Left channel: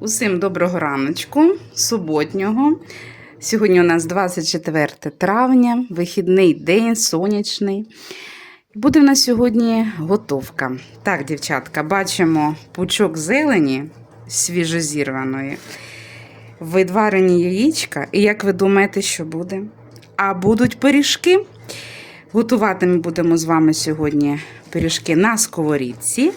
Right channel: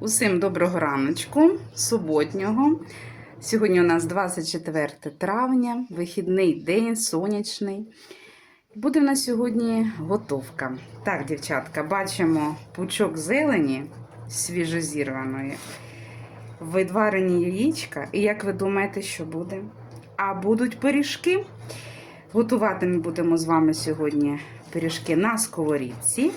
Усім доброго раночку, суботнього. Сьогодні у нас 24 травня, вихідний день, сонячний. Буде в нас сьогодні готовка. Так, дівчатка, бачимо пучок зелені свіжозірваної, видварені яєчка. І як ви думаєте, що буде? А будуть пиріжки. Готувати ми будемо з вами сьогодні пиріжки на сковорідці.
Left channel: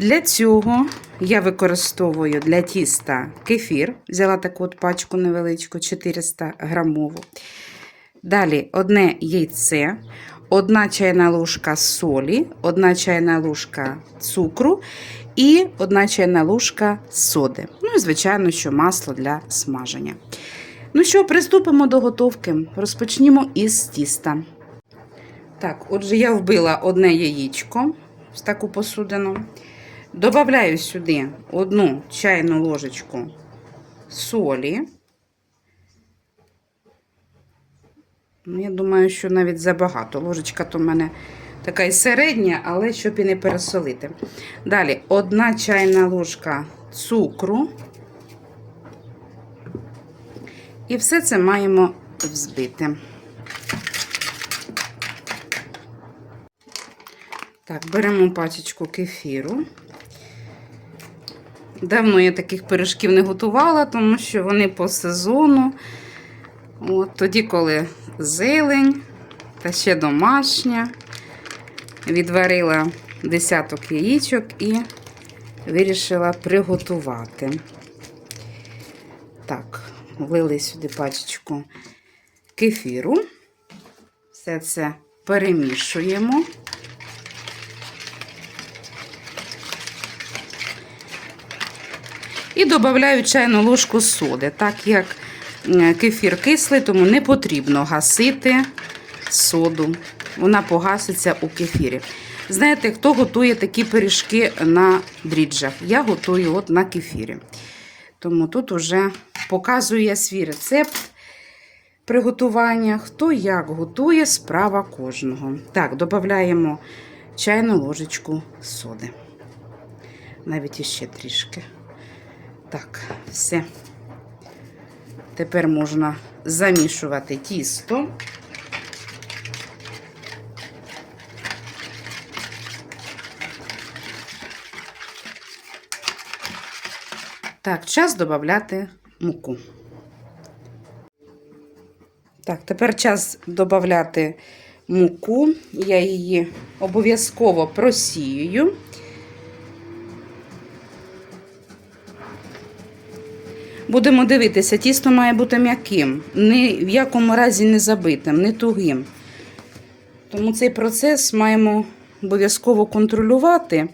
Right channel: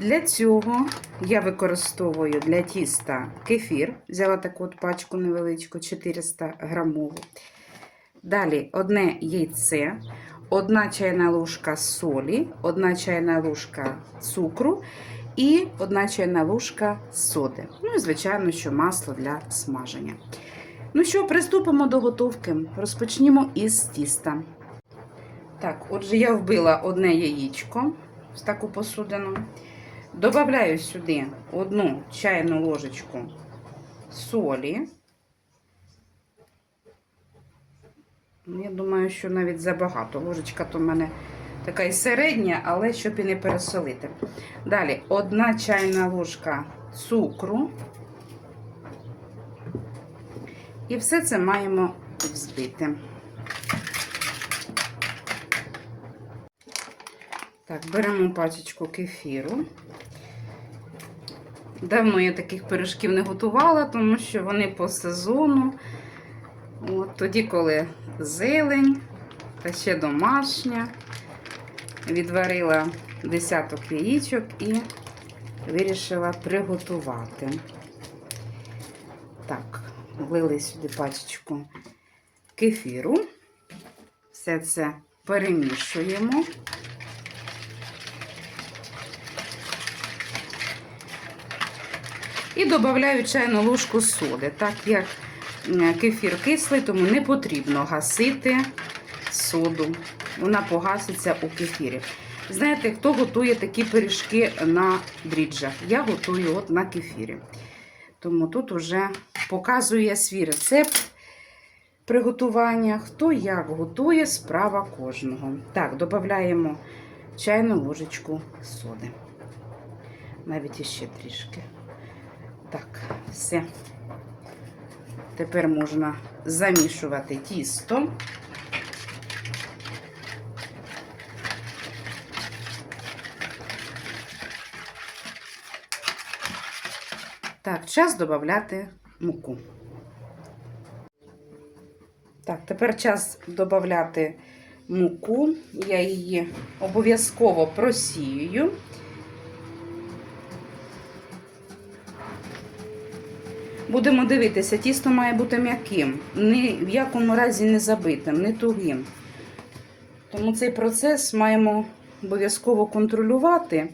Для цього я використовую для тіста кефір. Взяла таку от пачку невеличку, 400 грамову. Далі одне яйце, одна чайна ложка солі, одна чайна ложка цукру і одна чайна ложка соди. Ну і, звичайно, що масло для смаження. Ну що, приступимо до готовки. Розпочнімо із тіста. Так, отже, я вбила одне яєчко в таку посудину. Добавляю сюди одну чайну ложечку солі. Ну, я думаю, що навіть забагато. Ложечка то в мене така і середня, але щоб і не пересолити. Далі одна чайна ложка цукру. І все це маємо взбити. Так, беремо пачечку кефіру. Давно я таких пиріжків не готувала, тому що вони по сезону. От, Тоді, коли зелень та ще домашня, відварила десяток яєчок і вирішила приготувати. Так, влили сюди пачечку кефіру. Все це перемішуємо. І додаю чайну ложку соди. Так як кефір кислий, тому не потрібно гасити соду. Вона погаситься у кефірі. Знаєте, хто готує такі пиріжки на дріджах? Я готую от на кефірі. Тому тут вже показує свій рецепт приготування. Хто як готує, справа кожного. Так, додаємо чайну ложечку соди. Навіть іще трішки. Так, все. Тепер можна замішувати тісто. Так, час додати муку. Так, тепер час додати муку. Я її обов'язково просіюю. Будемо дивитися, тісто має бути м'яким, ні в якому разі не забитим, не тугим. Тому цей процес маємо обов'язково контролювати,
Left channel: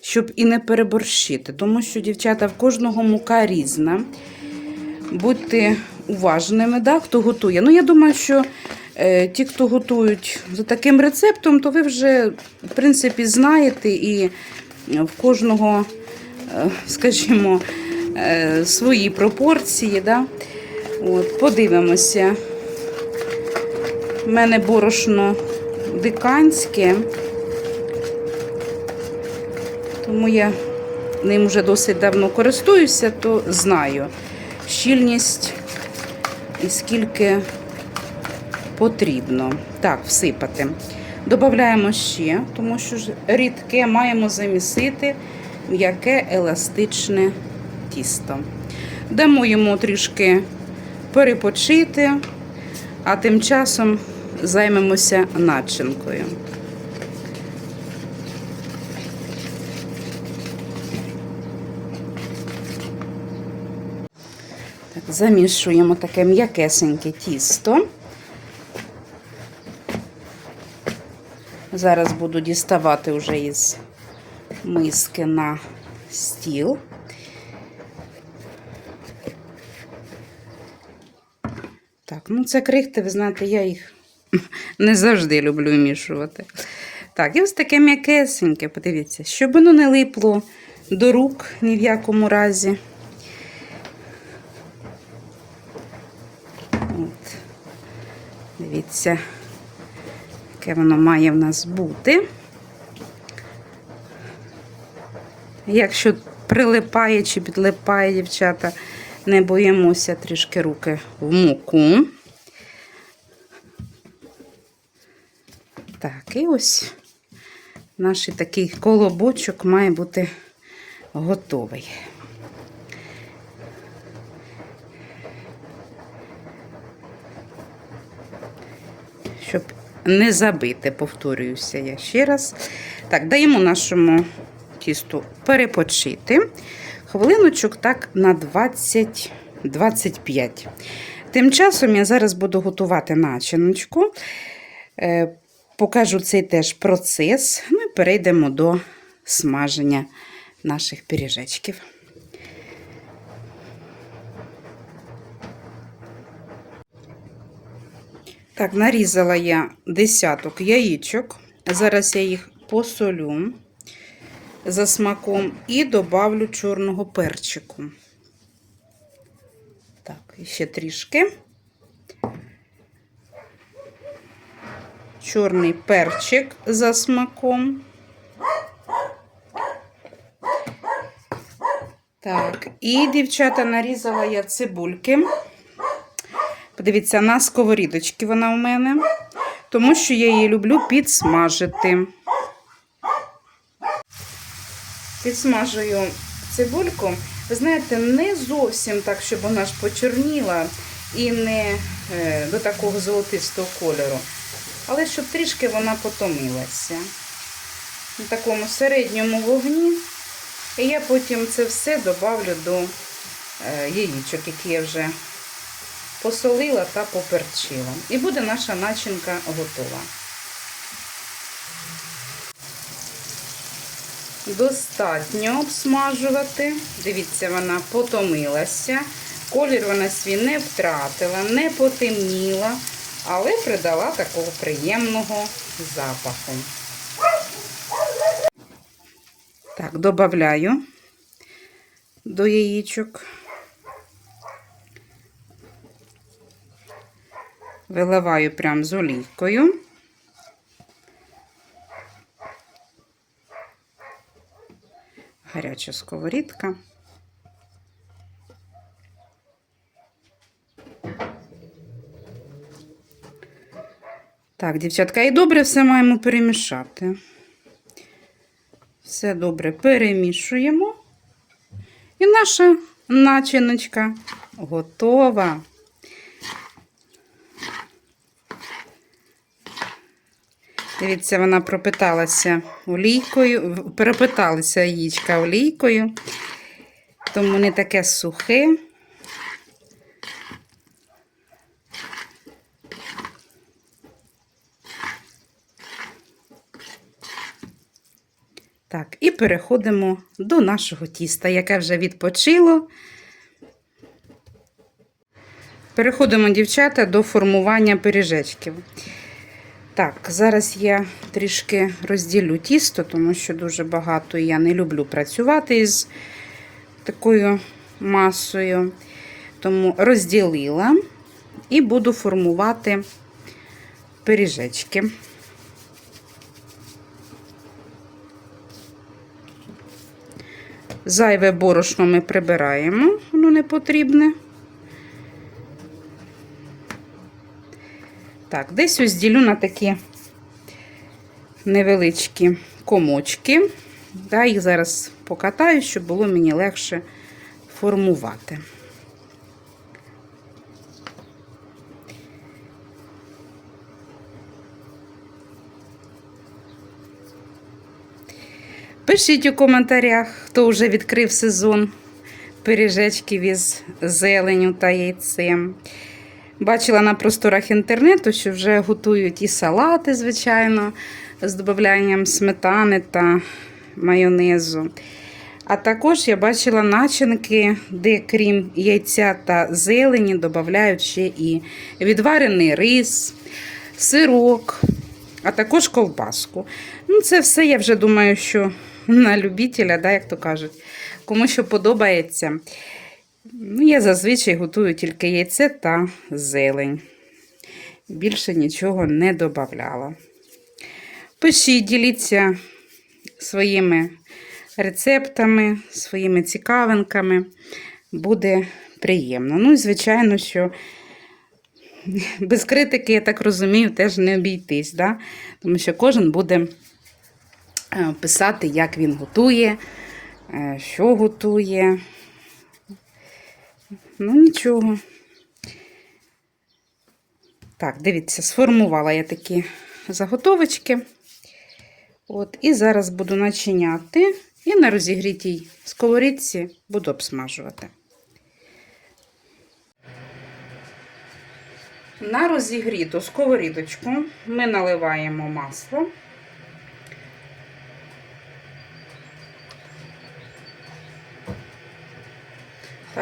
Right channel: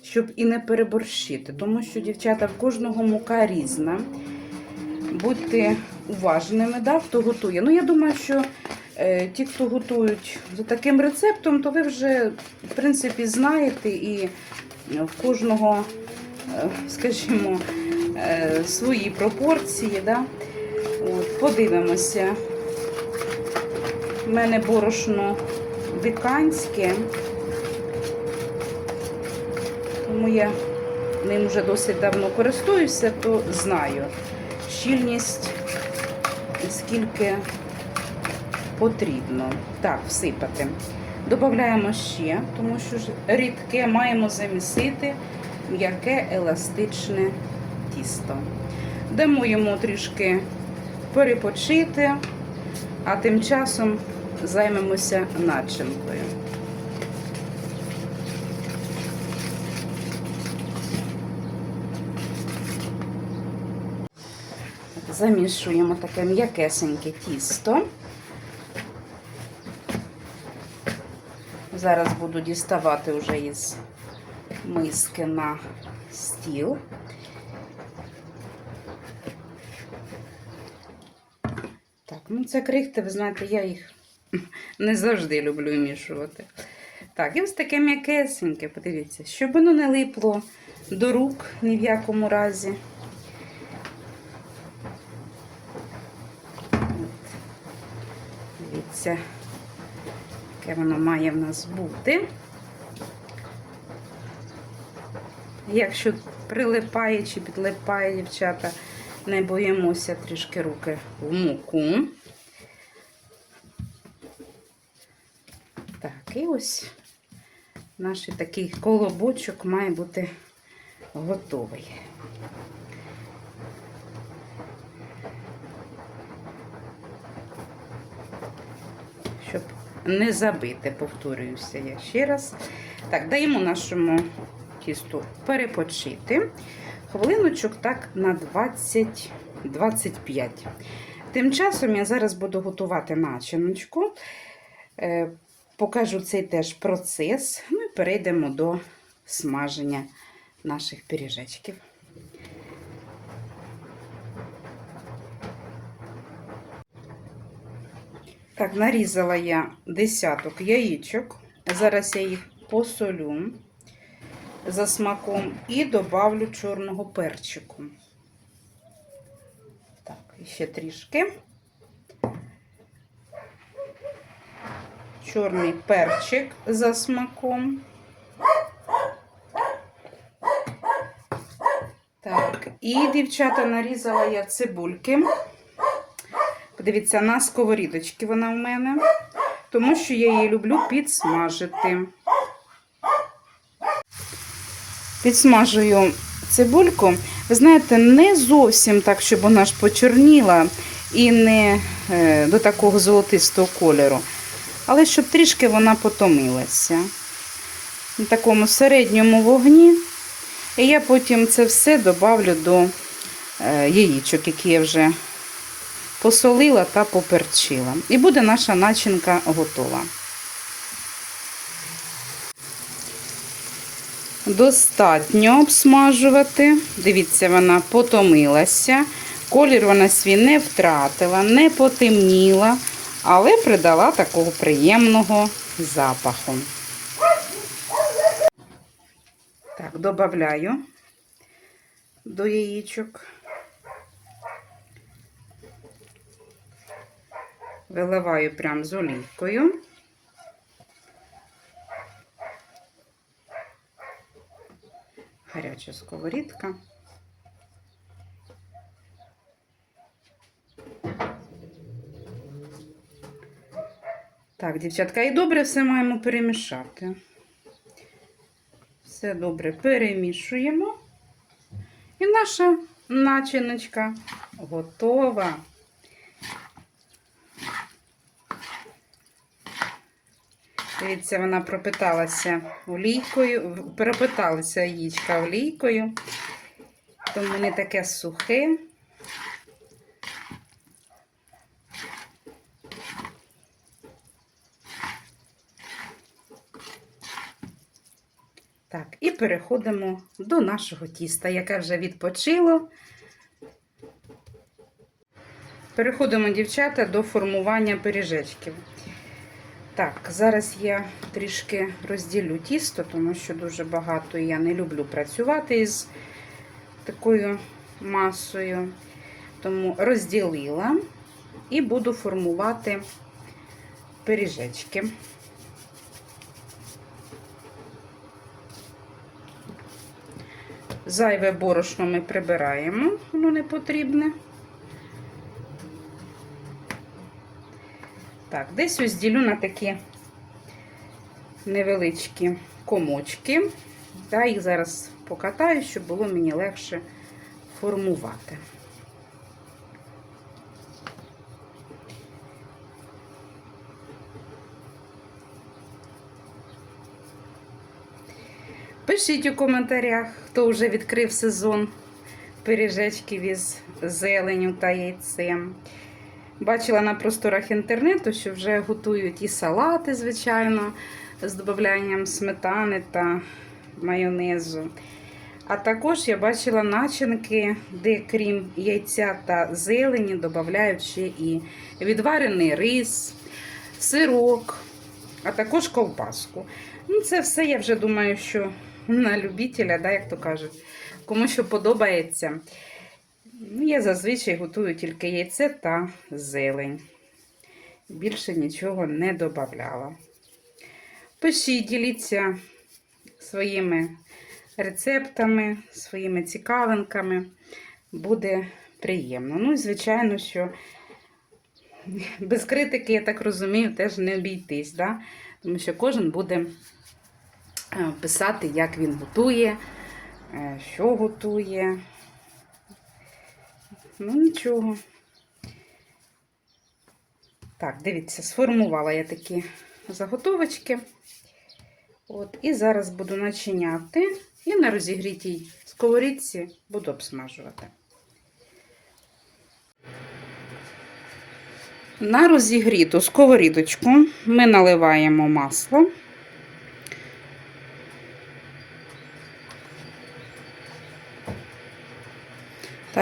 щоб і не переборщити. Тому що, дівчата, в кожного мука різна. Будьте уважними, да, хто готує. Ну, я думаю, що е, ті, хто готують за таким рецептом, то ви вже, в принципі, знаєте, і в кожного, е, скажімо, свої пропорції. Да? От, Подивимося. У мене борошно диканське, тому я ним вже досить давно користуюся, то знаю щільність і скільки потрібно. Так, всипати. Додаємо ще, тому що рідке маємо замісити м'яке еластичне тісто. Дамо йому трішки перепочити, а тим часом займемося начинкою. Замішуємо таке м'якесеньке тісто. Зараз буду діставати вже із миски на стіл. Так, ну це крихти, ви знаєте, я їх не завжди люблю вмішувати. Так, і ось таке м'якесеньке, подивіться, щоб воно не липло до рук ні в якому разі. От. Дивіться, яке воно має в нас бути. Якщо прилипає чи підлипає, дівчата. Не боїмося трішки руки в муку. Так, і ось наш такий колобочок має бути готовий. Щоб не забити, повторююся я ще раз. Так, даємо нашому тісту перепочити. Хвилиночок так на 20-25. Тим часом я зараз буду готувати начиночку. Е, Покажу цей теж процес. Ну і перейдемо до смаження наших пиріжечків. Так, нарізала я десяток яєчок. Зараз я їх посолю за смаком і добавлю чорного перчику. Так, ще трішки. Чорний перчик за смаком. Так, і, дівчата, нарізала я цибульки. Подивіться, на сковорідочки вона у мене, тому що я її люблю підсмажити. Підсмажую цибульку. Ви знаєте, не зовсім так, щоб вона ж почорніла і не е, до такого золотистого кольору. Але щоб трішки вона потомилася. На такому середньому вогні. І я потім це все добавлю до е, яєчок, які я вже посолила та поперчила. І буде наша начинка готова. Достатньо обсмажувати. Дивіться, вона потомилася. Колір вона свій не втратила, не потемніла, але придала такого приємного запаху. Так, додаю до яєчок. Виливаю прям з олійкою. Гаряча сковорідка. Так, дівчатка, і добре все маємо перемішати. Все добре перемішуємо. І наша начиночка готова. Дивіться, вона пропиталася олійкою, перепиталася яєчка олійкою, тому не таке сухе. Так, і переходимо до нашого тіста, яке вже відпочило. Переходимо, дівчата, до формування пиріжечків. Так, зараз я трішки розділю тісто, тому що дуже багато я не люблю працювати із такою масою. Тому розділила і буду формувати пиріжечки. Зайве борошно ми прибираємо, воно не потрібне. Так, десь ось ділю на такі невеличкі комочки. Да, їх зараз покатаю, щоб було мені легше формувати. Пишіть у коментарях, хто вже відкрив сезон пиріжечків із зеленю та яйцем. Бачила на просторах інтернету, що вже готують і салати, звичайно, з додаванням сметани та майонезу. А також я бачила начинки, де крім яйця та зелені, додають ще і відварений рис, сирок, а також ковбаску. Ну, Це все, я вже думаю, що на любителя, да, як то кажуть, кому що подобається. Ну, Я зазвичай готую тільки яйце та зелень. Більше нічого не додавала. Пишіть, діліться своїми рецептами, своїми цікавинками. Буде приємно. Ну і звичайно, що без критики, я так розумію, теж не обійтись, да? тому що кожен буде е, писати, як він готує, е, що готує. Ну, нічого. Так, дивіться, сформувала я такі заготовочки. От, і зараз буду начиняти і на розігрітій сковорідці буду обсмажувати. На розігріту сковорідочку ми наливаємо масло.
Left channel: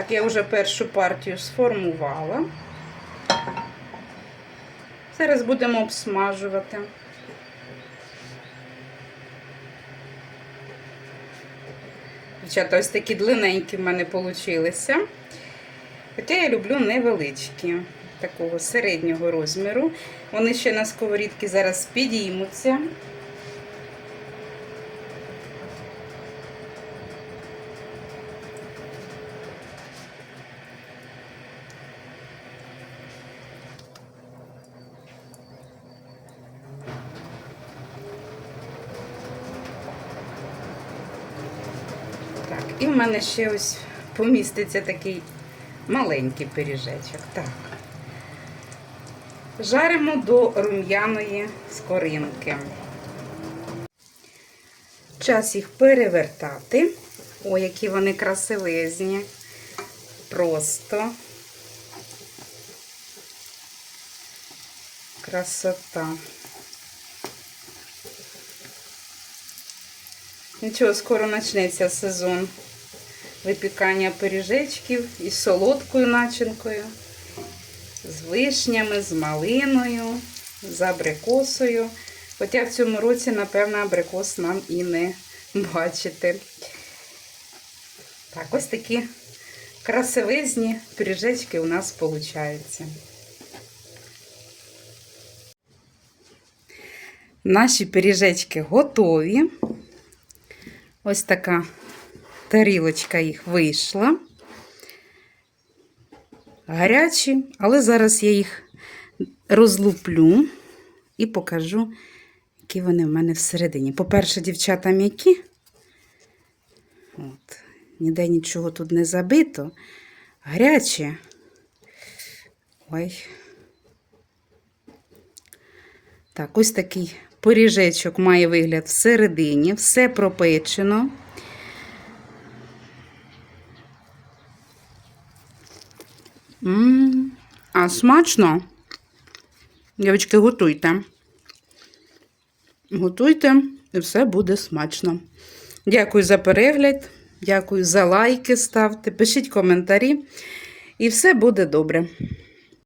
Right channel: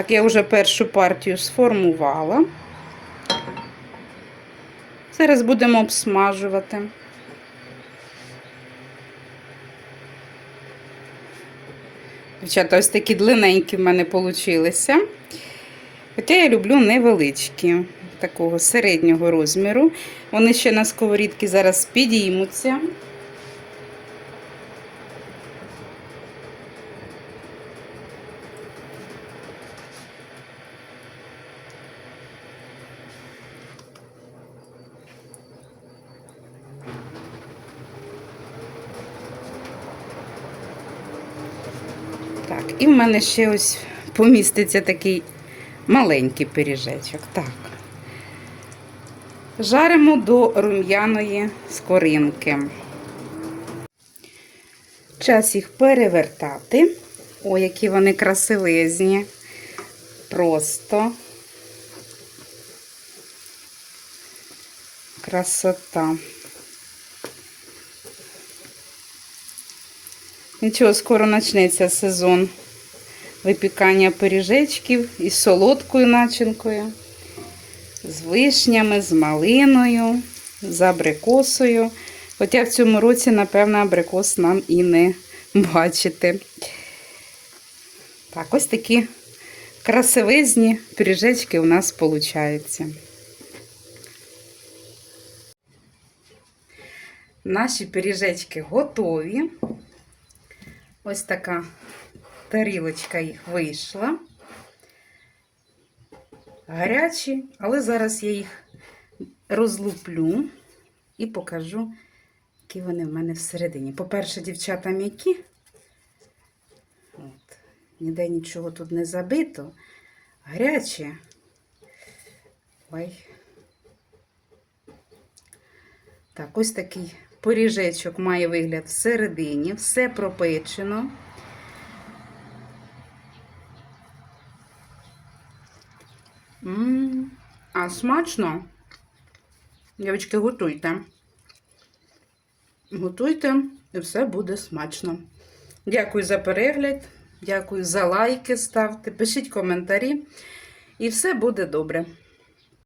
Так, я вже першу партію сформувала. Зараз будемо обсмажувати. Дівчата, ось такі длинненькі в мене получилися. Хоча я люблю невеличкі, такого середнього розміру. Вони ще на сковорідці зараз підіймуться. І в мене ще ось поміститься такий маленький пиріжечок. Так. Жаримо до рум'яної скоринки. Час їх перевертати. О, які вони красивезні. Просто красота. Нічого, скоро почнеться сезон випікання пиріжечків із солодкою начинкою, з вишнями, з малиною, з абрикосою. Хоча в цьому році, напевно, абрикос нам і не бачити. Так, ось такі красивезні пиріжечки у нас виходять. Наші пиріжечки готові. Ось така тарілочка їх вийшла. Гарячі, але зараз я їх розлуплю і покажу, які вони в мене всередині. По-перше, дівчата м'які. От. Ніде нічого тут не забито. Гарячі. Ой. Так, ось такий Поріжечок має вигляд всередині, все пропечено. М а смачно. Дівчатки, готуйте. Готуйте, і все буде смачно. Дякую за перегляд, дякую за лайки ставте, пишіть коментарі, і все буде добре.